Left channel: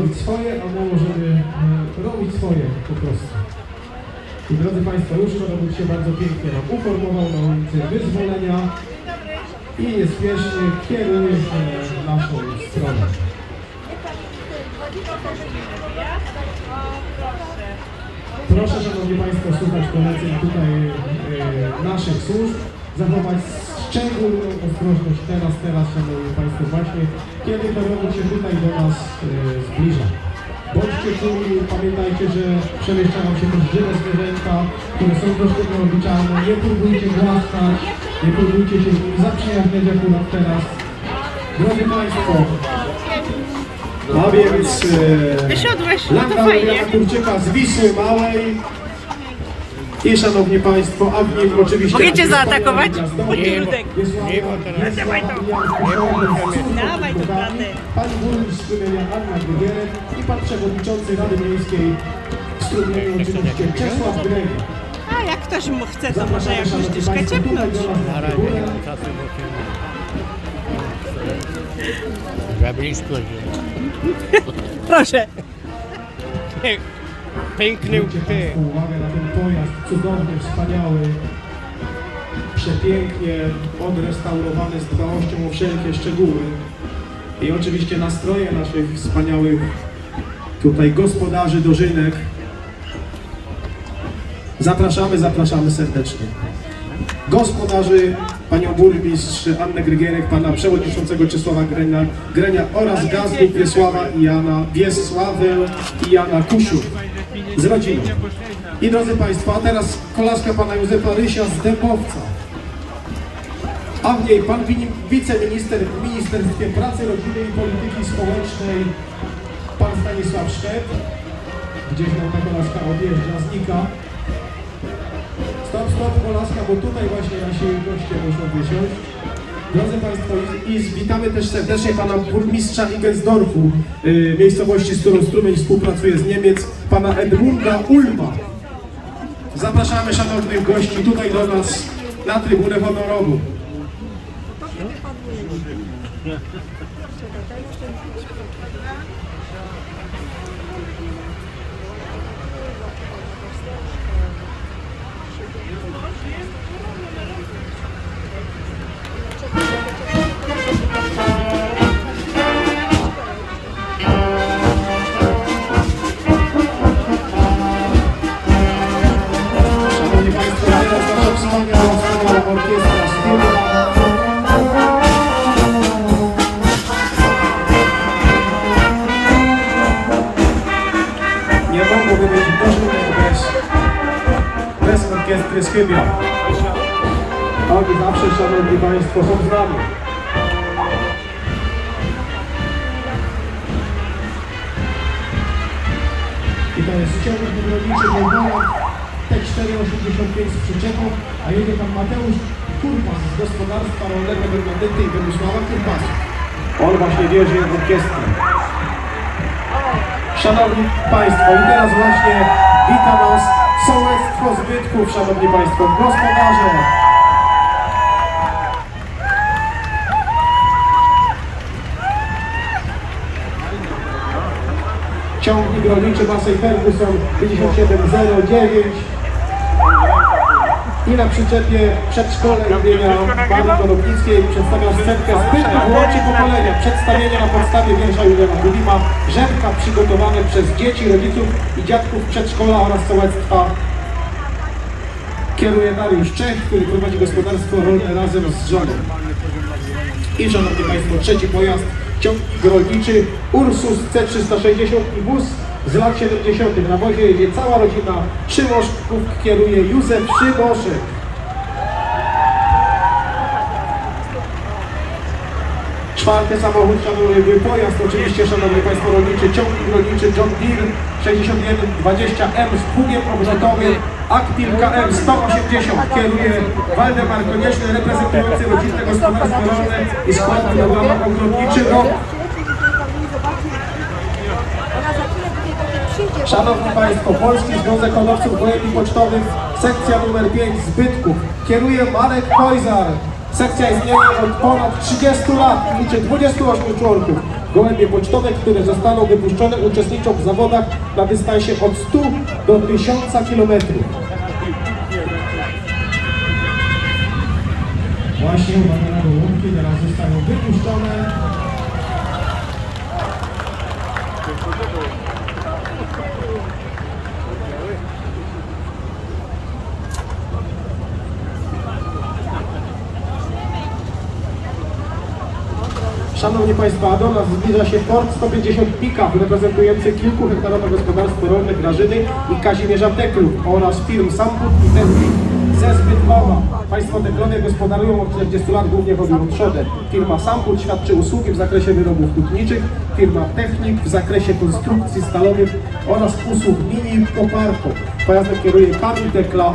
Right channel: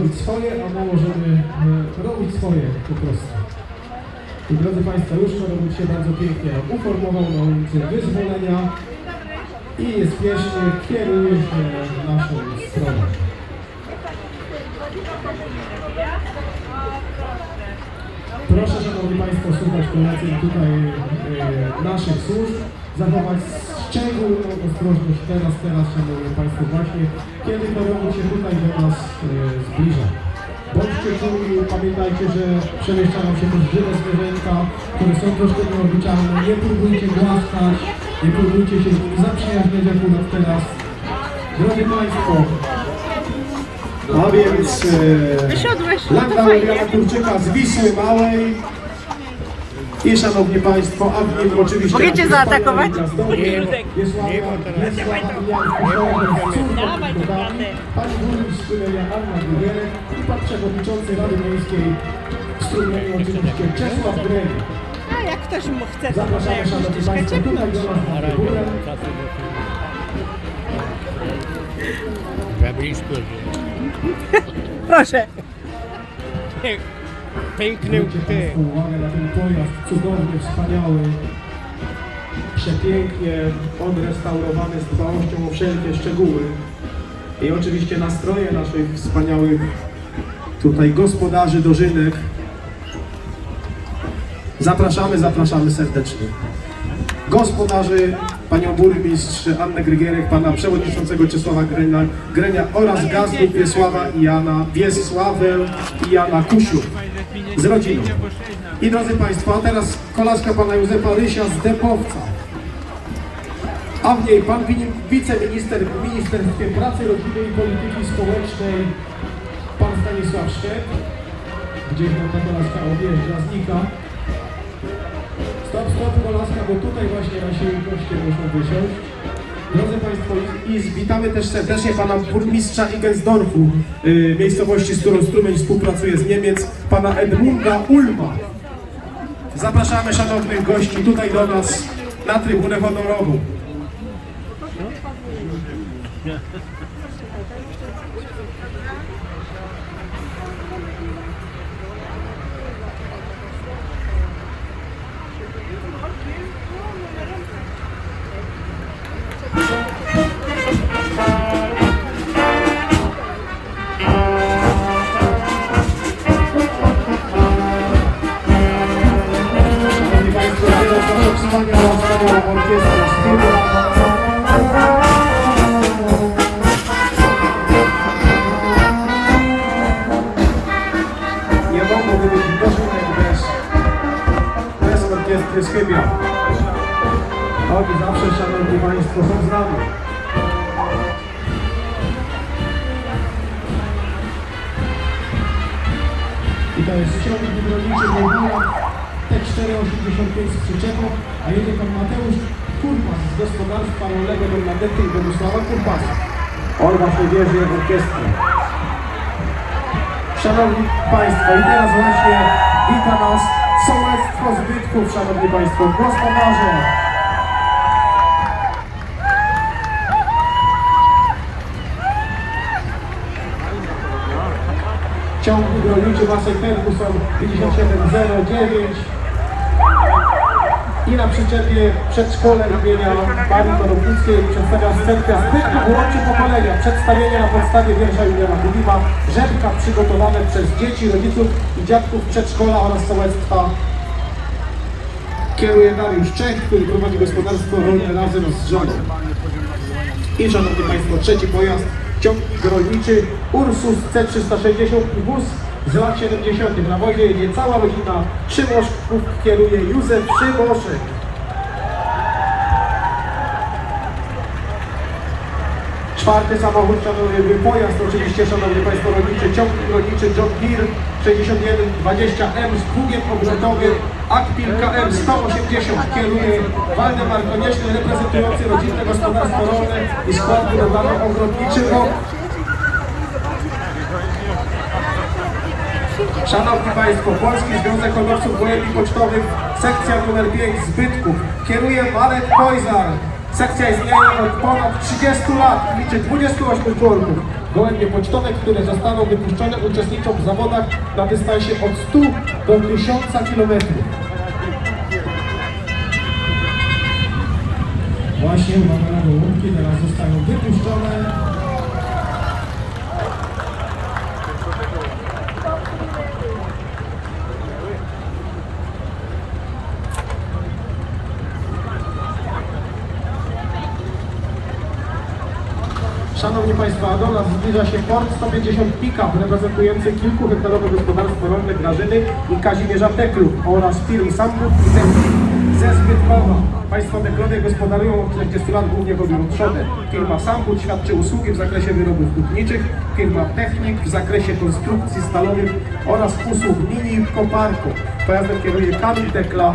robić swoje, a my możemy yy, robić swoje po prostu. I drodzy Państwo, już Robert się bardzo pięknie uformował na ulicy Wyzwolenia i niespiesznie kieruje się naszą stroną. Proszę Szanowni Państwo słuchać poleceń tutaj e, naszych służb, zachować szczególną ostrożność teraz, teraz Szanowni Państwo właśnie, kiedy porobią się tutaj do nas e, zbliża. Bądźcie czuli, pamiętajcie, że przemieszczają się też żywe zwierzęta, które są troszkę nieobliczalne. Nie próbujcie głaskać, nie próbujcie się zaprzyjaźniać akurat teraz. Drodzy Państwo, no więc e, fajnie. Mariana Kurczyka z Wisły Małej. I szanowni Państwo, a w nim oczywiście... Mogę cię zaatakować? Nie, nie, bo teraz... Nie, bo Pani burmistrz Anna i pan przewodniczący Rady Miejskiej w Strumieniu oczywiście Czesław Greg. A jak ktoś mu chce, to może jakąś do nas Na razie mam czasu, bo się za blisko. Proszę. Piękny Zwróćcie ty. Uwagę na ten pojazd cudowny, wspaniały, przepięknie odrestaurowany z dbałością o wszelkie szczegóły. I oczywiście nastroje naszych wspaniałych tutaj gospodarzy dożynek. Zapraszamy, zapraszamy serdecznie. Gospodarzy, panią burmistrz Annę Grygierek, pana przewodniczącego Czesława Grenia, Grenia oraz gazów Wiesława i Jana, Wiesławę i Jana Kusiu z rodziną. I drodzy Państwo, teraz kolaska pana Józefa Rysia z Dębowca. A w niej pan wiceminister w Ministerstwie Pracy, Rodziny i Polityki Społecznej, pan Stanisław Szczep. Gdzieś mu ta kolaska odjeżdża, znika. Stop, stop, kolaska, bo tutaj właśnie nasi goście muszą wysiąść. Drodzy Państwo, i, witamy też serdecznie pana burmistrza Igensdorfu, y, miejscowości, z którą Strumień współpracuje z Niemiec, pana Edmunda Ulma. Zapraszamy szanownych gości tutaj do nas na trybunę honorową. Rolnego Bernadety i Władysława Kurpas. On właśnie wierzy jak orkiestry. Szanowni Państwo, i teraz właśnie wita nas Sołectwo Zbytków, Szanowni Państwo, gospodarze. Ciągnik rolniczy Masej Ferguson 5709 i na przyczepie przedszkole imienia Marii Konopnickiej przedstawiam scenkę zbytków uroczy pokolenia. Przedstawienia na podstawie wiersza Józefa Guliwa, rzepka przygotowane przez dzieci, rodziców i dziadków przedszkola oraz sołectwa. Kieruje Dariusz Czech, który prowadzi gospodarstwo rolne razem z żoną. I szanowni Państwo, trzeci pojazd, ciągnik rolniczy Ursus C360 i wóz z lat 70. Na wozie jedzie cała rodzina Szymoszków, kieruje Józef Szymoszek. Czwarty samochód, szanowny pojazd, oczywiście szanowni Państwo, rolniczy ciągnik rolniczy John Deere 6120M z pługiem obrotowym Actil KM 180 kieruje Waldemar Konieczny reprezentujący rodzinne gospodarstwo rolne i skład budowlano-ogrodniczy ROK Szanowni Państwo, Polski Związek Hodowców Wojennych Pocztowych, sekcja numer 5 Zbytków. Kieruje Marek Kojzar. Sekcja istnieje od ponad 30 lat liczy 28 członków. Gołębie pocztowe, które zostaną wypuszczone, uczestniczą w zawodach na dystansie od 100 do 1000 km. Właśnie uwaga na gołąbki, teraz zostaną wypuszczone. Szanowni Państwo, a do nas zbliża się Ford 150 Pickup reprezentujący kilkuhektarowe gospodarstwo rolne Grażyny i Kazimierza Teklu oraz firm Samput i Technik ze Zbytkowa. Państwo Teklowie gospodarują od 40 lat głównie o trzodę. Firma Samput świadczy usługi w zakresie wyrobów hutniczych, firma Technik w zakresie konstrukcji stalowych oraz usług mini koparką. Pojazdem kieruje Kamil Tekla,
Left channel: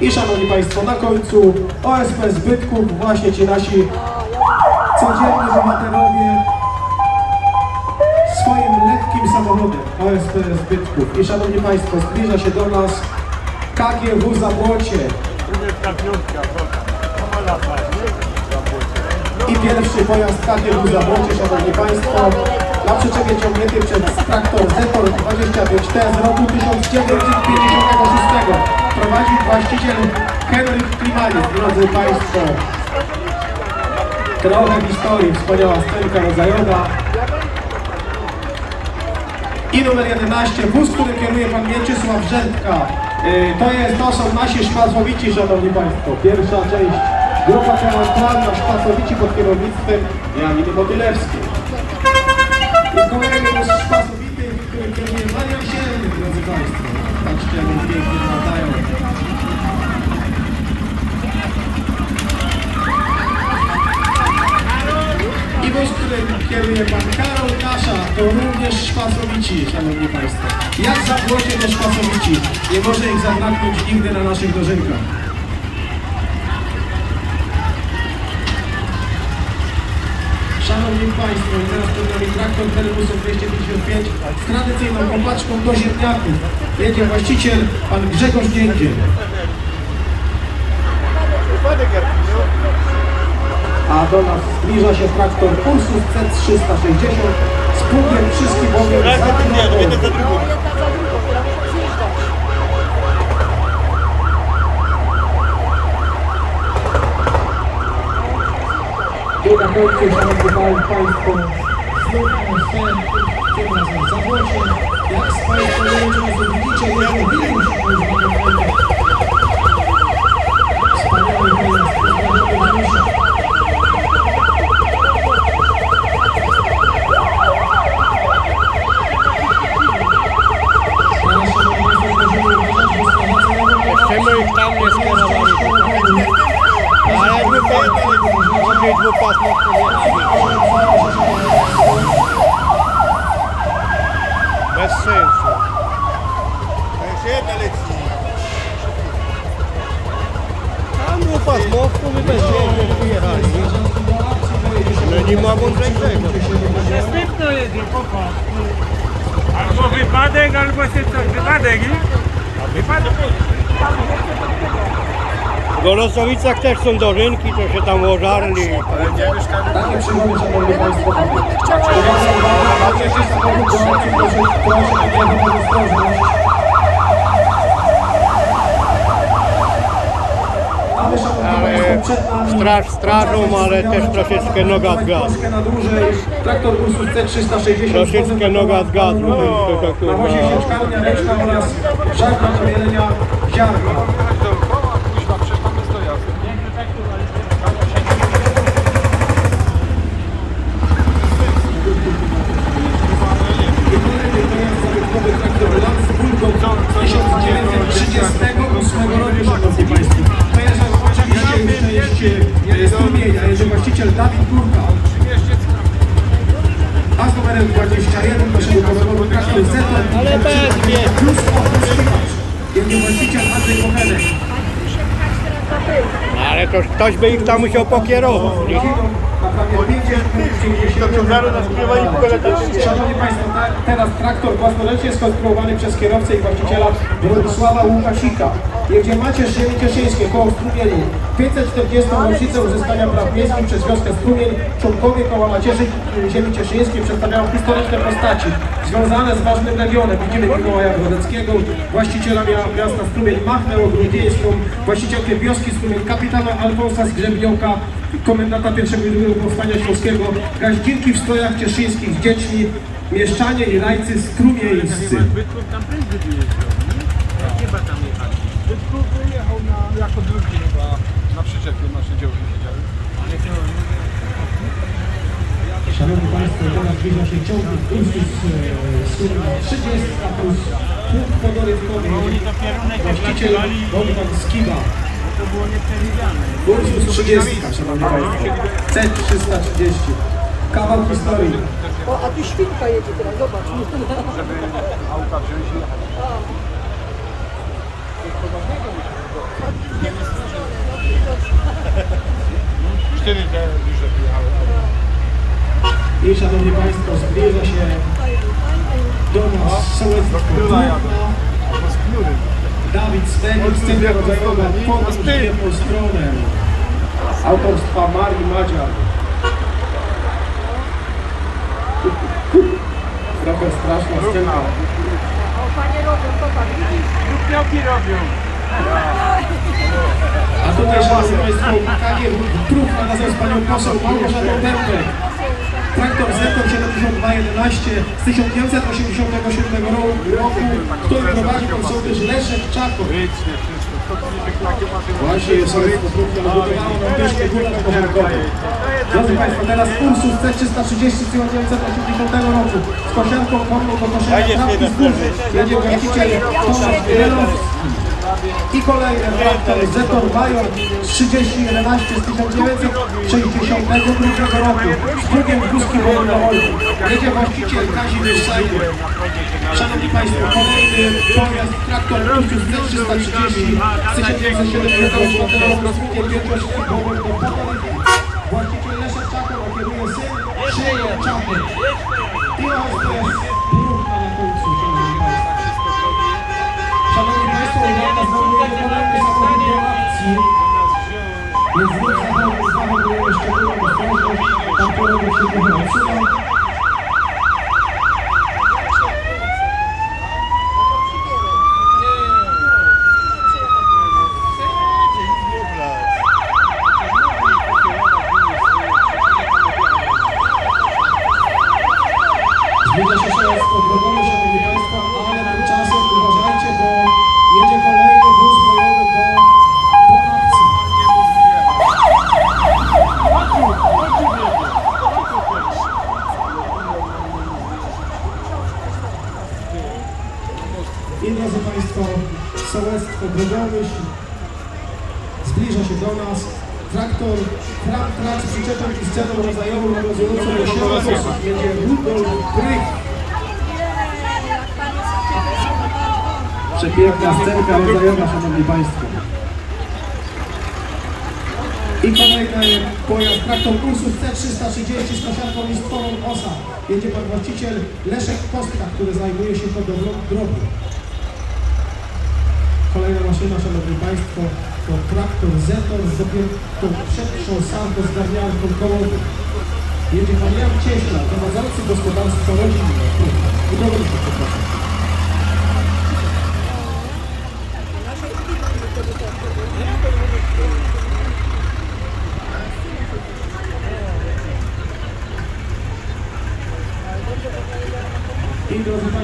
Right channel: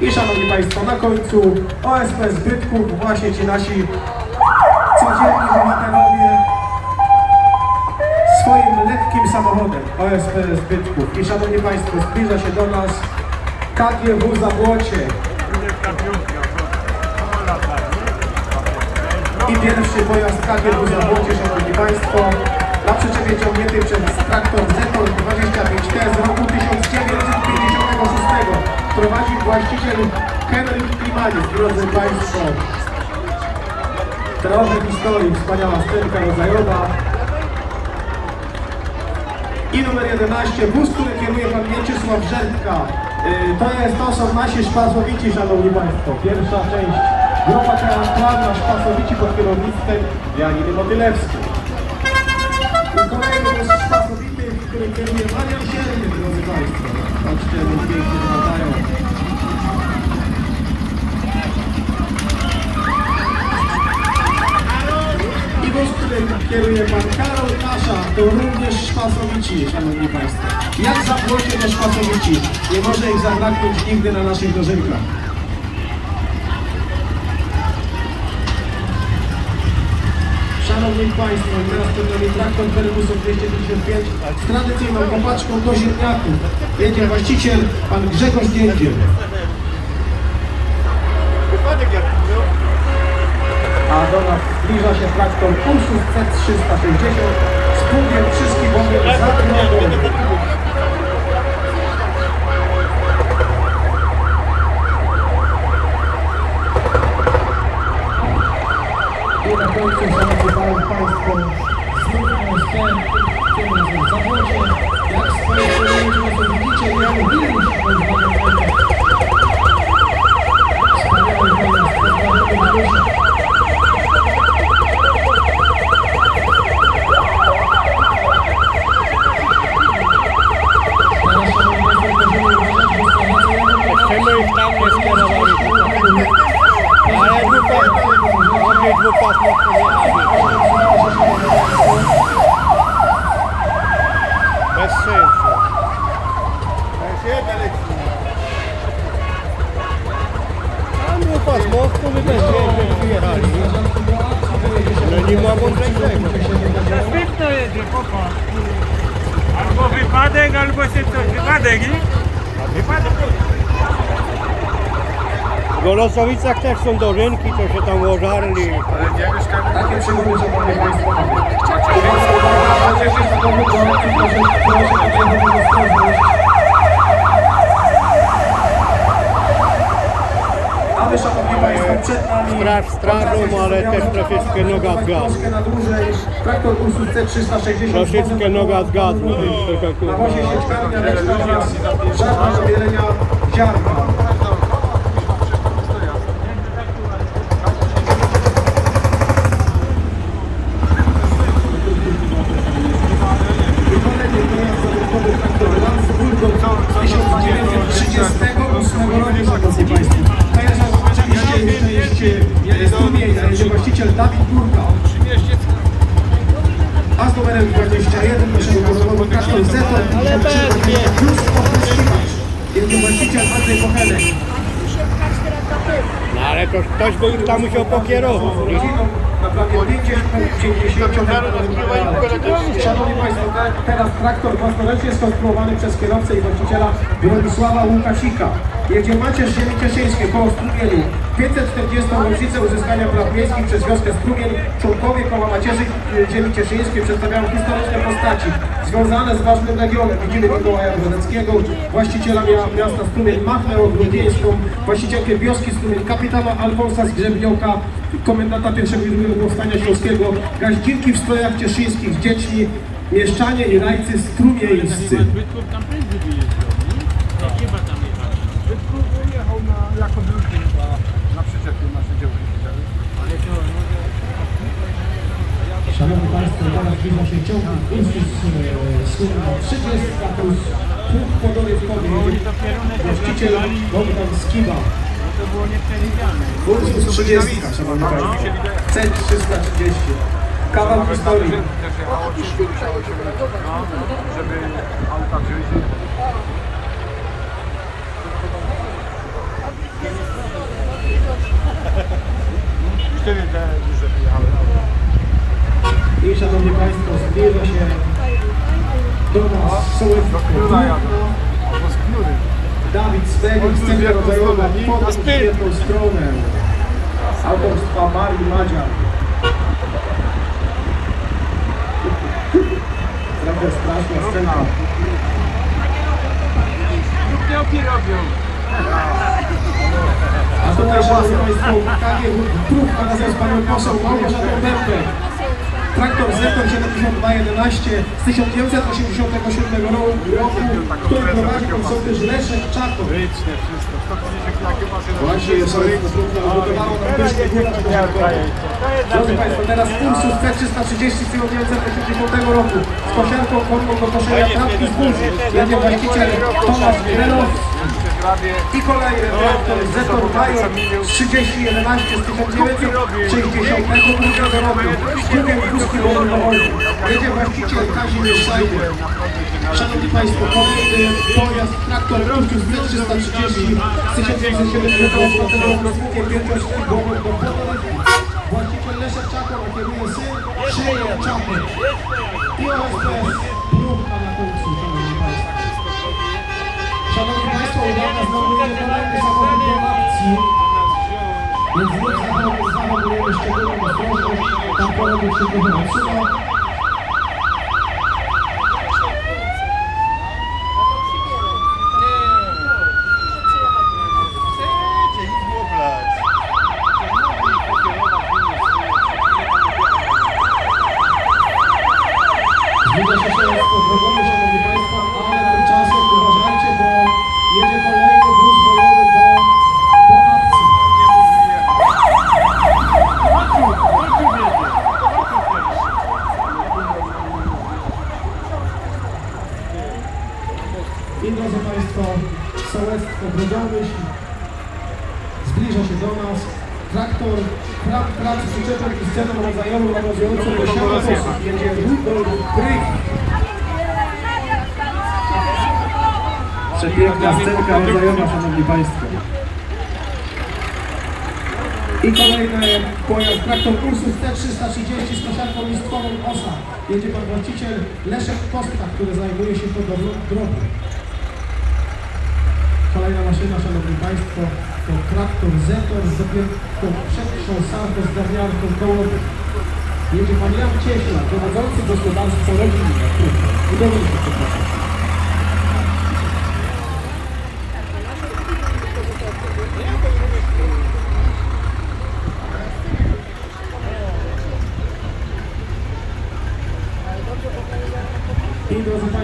i szanowni Państwo, na końcu OSP Zbytków, właśnie ci nasi codzienni bohaterowie swoim lekkim samochodem OSP Zbytków. I szanowni Państwo, zbliża się do nas KGW Zabłocie i pierwszy pojazd KGW Zabłocie, szanowni Państwo, na przyczepie ciągnięty przez traktor Zetor 25T z roku 1956. Prowadzi właściciel Henryk Klimaniec, drodzy Państwo. Trochę historii, wspaniała scenka Zajoda. I numer 11, wóz, który kieruje pan Mieczysław Żertka. Yy, To, jest, to są nasi szpacowici, szanowni państwo. Pierwsza część, grupa teatralna szpacowici pod kierownictwem Janiny Modylewskiej. I kolejny wóz szpacowity, którym kieruje Marian Sierny, drodzy państwo. Patrzcie, jak pięknie wyglądają. I wóz, którym kieruje pan Karol Kasza, to również szpacowici, szanowni państwo. Jak zapłocie do szpacowici, może ich zabraknąć nigdy na naszych dożynkach. Szanowni Państwo, teraz przed nami traktor Terebusów 255 z tradycyjną kopaczką do ziemniaków. Jedzie właściciel, pan Grzegorz Niędziel. A do nas zbliża się traktor Pulsus C360 z pługiem wszystkich wody I na końcu, szanowni Państwo, znów na scen, który nas zawodzie. Jak swoje kolejne widzicie, ja lubię już Wspaniały pojazd, pozdrawiamy Józefa. Jeszcze my ich tam nie skierowali. Ale dwupas, mogli dwupasmów pojechali. Bez sensu. Tam dwupasmowku by bez sensu pojechali. No nie ma mądrzejszego. Świetno jedzie, popatrz. Albo wypadek, albo się coś wypadek, nie? W Golosowicach też są dożynki, co się tam ożarli. Takie przygody, szanowni państwo, mamy. Takie wszystko dokumenty, proszę, proszę, Ale szanowni państwo, nami... Straż strażą, ale też troszeczkę noga z gazu. Troszkę na dłużej, traktor Ursus C360. Troszeczkę noga z gazu, to, to, to kurwa. No ale to ktoś by ich tam musiał pokierować. Nie? Na prawie 50 Szanowni Państwo, teraz traktor własnoręcznie skonstruowany przez kierowcę i właściciela Bronisława Łukasika. Jedzie Macierz Ziemi Cieszyńskiej koło Strumieni. 540. rocznicę uzyskania praw miejskich przez wioskę Strumień. Członkowie koła Macierzy Ziemi Cieszyńskiej przedstawiają historyczne postaci związane z ważnym regionem. Widzimy Mikołaja Grodeckiego, właściciela mia- miasta Strumień Machnę Ogródzieńską, właścicielkę wioski Strumień, kapitana Alfonsa Zgrzebnioka, komendanta pierwszego i drugiego powstania śląskiego, gaździnki w strojach cieszyńskich z dziećmi, mieszczanie i rajcy strumieńscy. Chyba tam jechał. Bytków jechał na, jako drugi na, na przyczepie nasze działki. Szanowni Państwo, teraz zbliża się ciągnik Ursus Suma 30 plus punkt podorywkowy. Właściciel Bogdan Skiba. No to było nieprzewidziane. Ursus 30, Szanowni Państwo. C330. Kawał historii. Żeby auta wziąć i cztery te duże. I Szanowni Państwo, zbliża się do nas sołectwo z. Dawid Smenik, scena rodzajowa, podróż w jedną stronę. Autorstwa Marii Madzia. Trochę straszna scena. Grupniałki robią. A tutaj, Szanowni Państwo, KG Trud nakazał z Panią poseł Małgorzatą Bębę. Traktor Zekon 7211 z 1987 roku, który prowadził sołtys Leszek Czakow. Liczne wszystko. 150 jakie maszyny. Właśnie jest gulasz porządkowy. Drodzy Państwo, teraz Ursus C330 z 1980 roku z kosiarką konną do koszenia trawki z burzy. Jedzie właściciel Tomasz Grelowski. I kolejny traktor Zetor Major 3011 z 1962 roku z drugim wózki wolnorodnym. Jedzie właściciel Kazimierz Sajdy. Szanowni Państwo, kolejny pojazd traktor Ursus C330 z 1974 roku z drugim wielkości wolnorodnym. Właściciel Leszek Czakow, a kieruje syn Szeje Czapek. Więc nie zachowujemy, zachowujemy szczególną ostrożność, tam porobią się wychowaczyło. Zbliża się szaleństwo drogowe, Szanowni Państwo, ale tymczasem uważajcie, bo jedzie kolejny wóz bojowy do, do akcji. I Państwo, sołectwo drogowe zbliża się do nas. Traktor, trak, trak z przyczepem i sceną rodzajową nawiązującą do siebie osób. Jedzie Rudolf Grych. Przepiękna scenka rodzajowa, Szanowni Państwo. I kolejny pojazd traktor Ursus T330 z kosiarką listwową OSA. Jedzie pan właściciel Leszek Kostka, który zajmuje się hodowlą drogi. Kolejna maszyna, Szanowni Państwo, to traktor Zetor z dopiętą przetrząsanką zgarniarką kołową. Jedzie pan Jan Cieśla, prowadzący gospodarstwo rodzinne. Budowniczy, przepraszam. I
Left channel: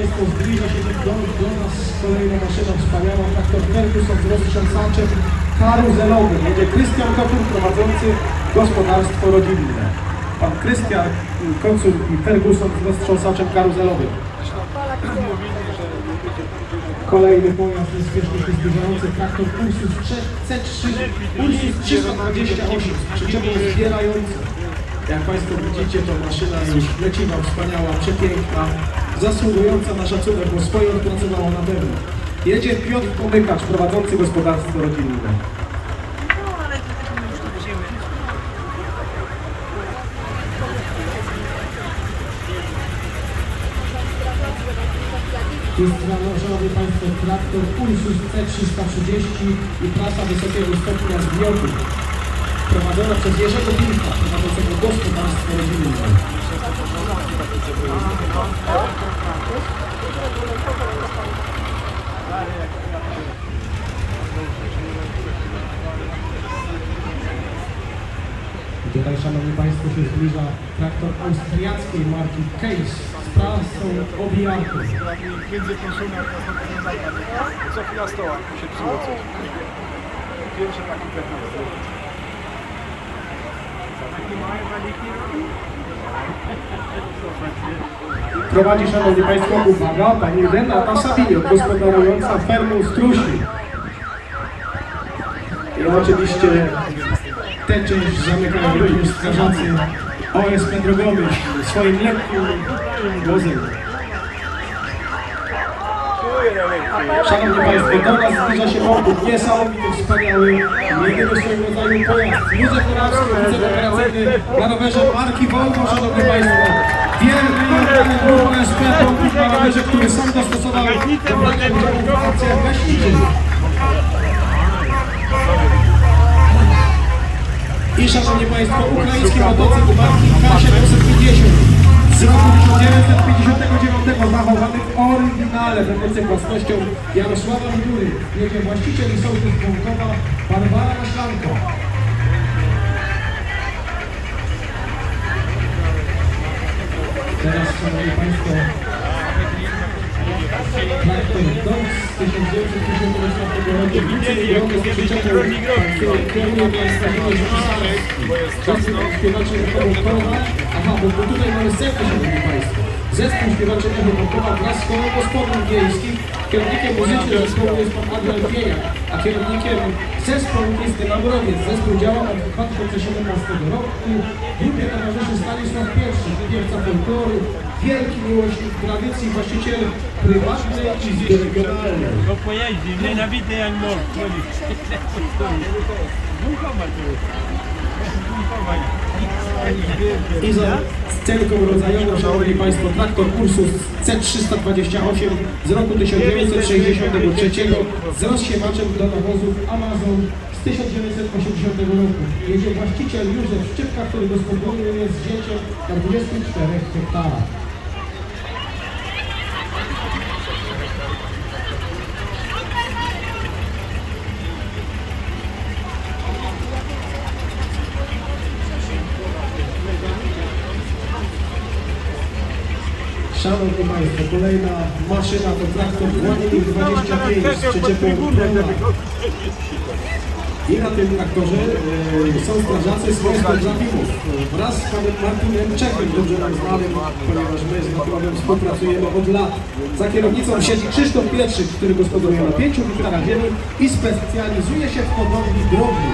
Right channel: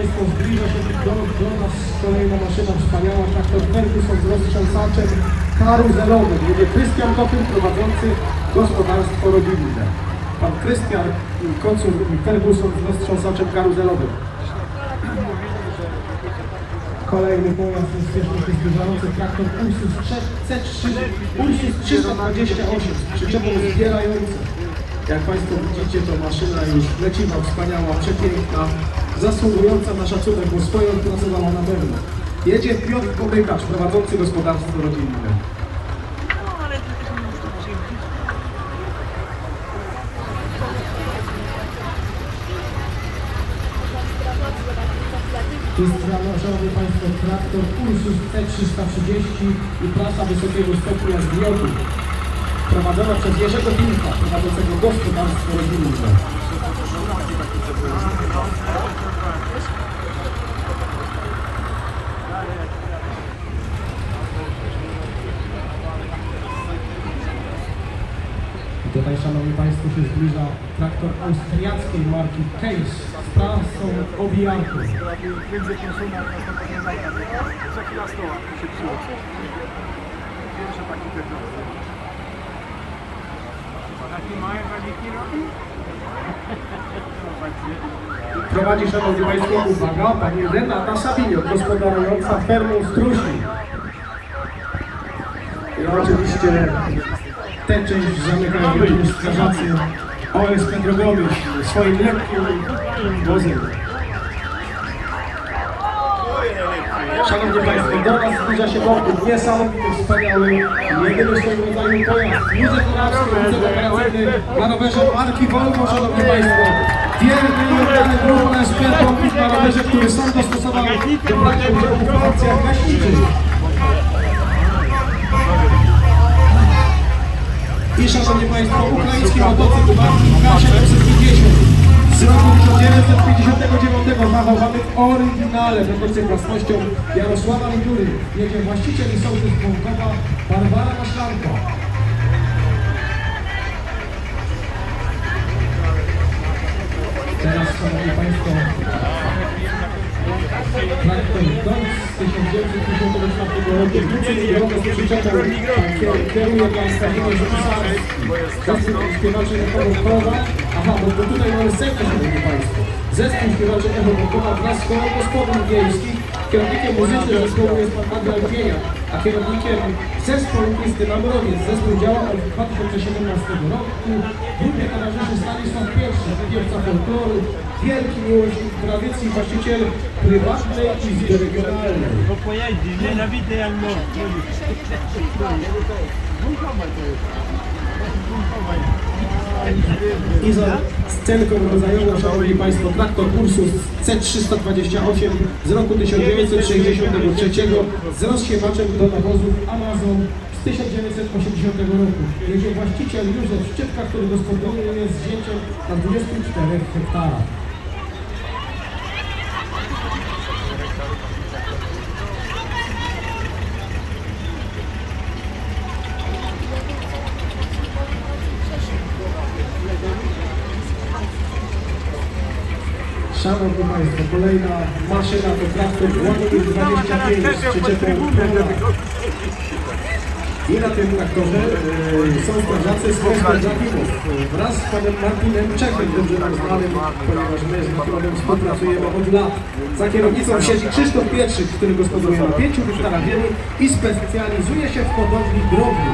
do, do nas kolejna maszyna wspaniała, traktor Ferguson z roztrząsaczem karuzelowym. Jedzie Krystian Kotur, prowadzący gospodarstwo rodzinne. Pan Krystian Kocur i Ferguson z roztrząsaczem karuzelowym. Kolejny pojazd niespiesznie się zbliżający traktor Ursus C3, Ursus 328 z przyczepą zbierającą. Jak Państwo widzicie, to maszyna już leciwa, wspaniała, przepiękna, zasługująca na szacunek, bo swoją pracę dała na pewno. Jedzie Piotr Pomykacz, prowadzący gospodarstwo rodzinne. Jest założony Państwo traktor Ursus C330 i trasa wysokiego stopnia zbioru. Prowadzona przez Jerzego Wilka, prowadzącego gospodarstwo rodzinne. Tutaj, Szanowni Państwo, się zbliża traktor austriackiej marki Case z trasą obijarką. Między konsument a za chwilę stoła. Pierwszy taki pewny. Taki mały waliki robi? Prowadzi, Szanowni Państwo, uwaga, Pani Renata Sabinio, gospodarująca fermą Strusi. I oczywiście tę część zamykają również strażacy OSP Drogowy swoim lekkim wozem. Szanowni Państwo, do nas zbliża się bardzo niesamowity, wspaniały, jedyny swoim rodzaju pojazd. Józef Morawski, wiceoperacyjny na rowerze marki Volvo, Szanowni Państwo. Wielki grupa SP na rowerze, który sam dostosował do projektu akcja gaśniczy. I szanowni Państwo, ukraiński motocykl marki 2850 z roku 1959 zachowany w oryginale motocykl własnością Jarosława Jury. Jedzie właściciel i sołtys Bąkowa Barbara Maślanka. Teraz, szanowni Państwo, traktor Golf z 1954 roku, skrzyczową, kieruje miasta Zespół śpiewaczy Echowokowa, aha, bo tutaj mamy zespół, szanowni Państwo. Zespół śpiewaczy Echowokowa wraz z kołem gospodyń wiejskich. Kierownikiem muzycznym zespołu jest pan Adrian Wienia, a kierownikiem zespołu jest Maurowiec. Zespół działa od 2017 roku. Grupie towarzyszy Stanisław Pierwszy, piewca folkloru, wielki miłośnik tradycji, właściciel prywatnej izby regionalnej. No pojeździ, nienawidzę jak mąż. I za scenką rodzajową, szanowni Państwo, traktor Ursus C328 z roku 1963 z rozsiewaczem do nawozów Amazon z 1980 roku. Jedzie właściciel Józef Szczypka, który gospodaruje z dziecią na 24 hektarach. Szanowni Państwo, kolejna maszyna Ładnik 25 z przyczepą I na tym traktorze e, są strażacy z strażaków wraz z panem Martinem Czechem, dobrze nam znanym, ponieważ my z Wikładem współpracujemy od lat. Za kierownicą siedzi Krzysztof Pietrzyk, który gospodaruje na 5 hektarach ziemi i specjalizuje się w hodowli drogi.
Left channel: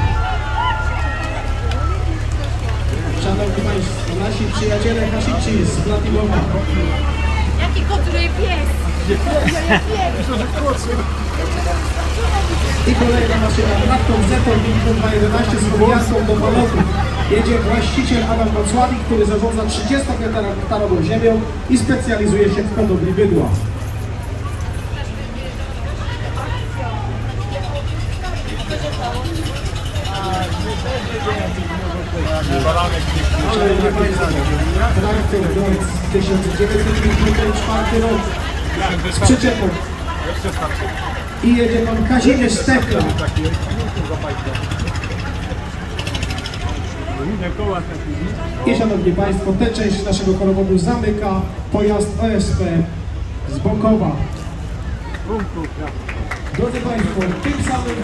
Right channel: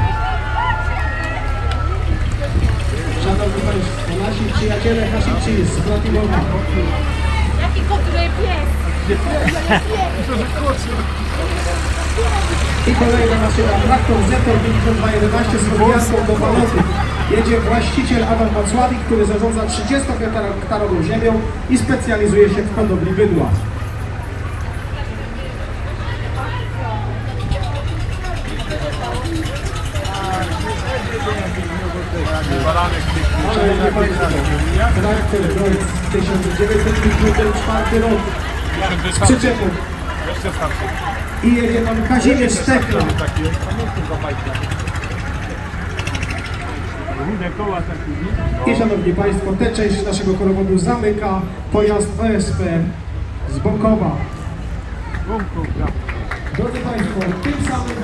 Szanowni Państwo, nasi przyjaciele Hasici z I kolejna maszyna traktor Zetor 5211 z podjazdą do balotu. Jedzie właściciel Adam Wacławik, który zarządza 30-hektarową ziemią i specjalizuje się w hodowli bydła. Traktor Golf 1954 rok z przyczepą. I jedzie pan Kazimierz Stekla. I szanowni Państwo, tę część naszego chorobodu zamyka pojazd OSP z Bokowa. Drodzy Państwo, tym samym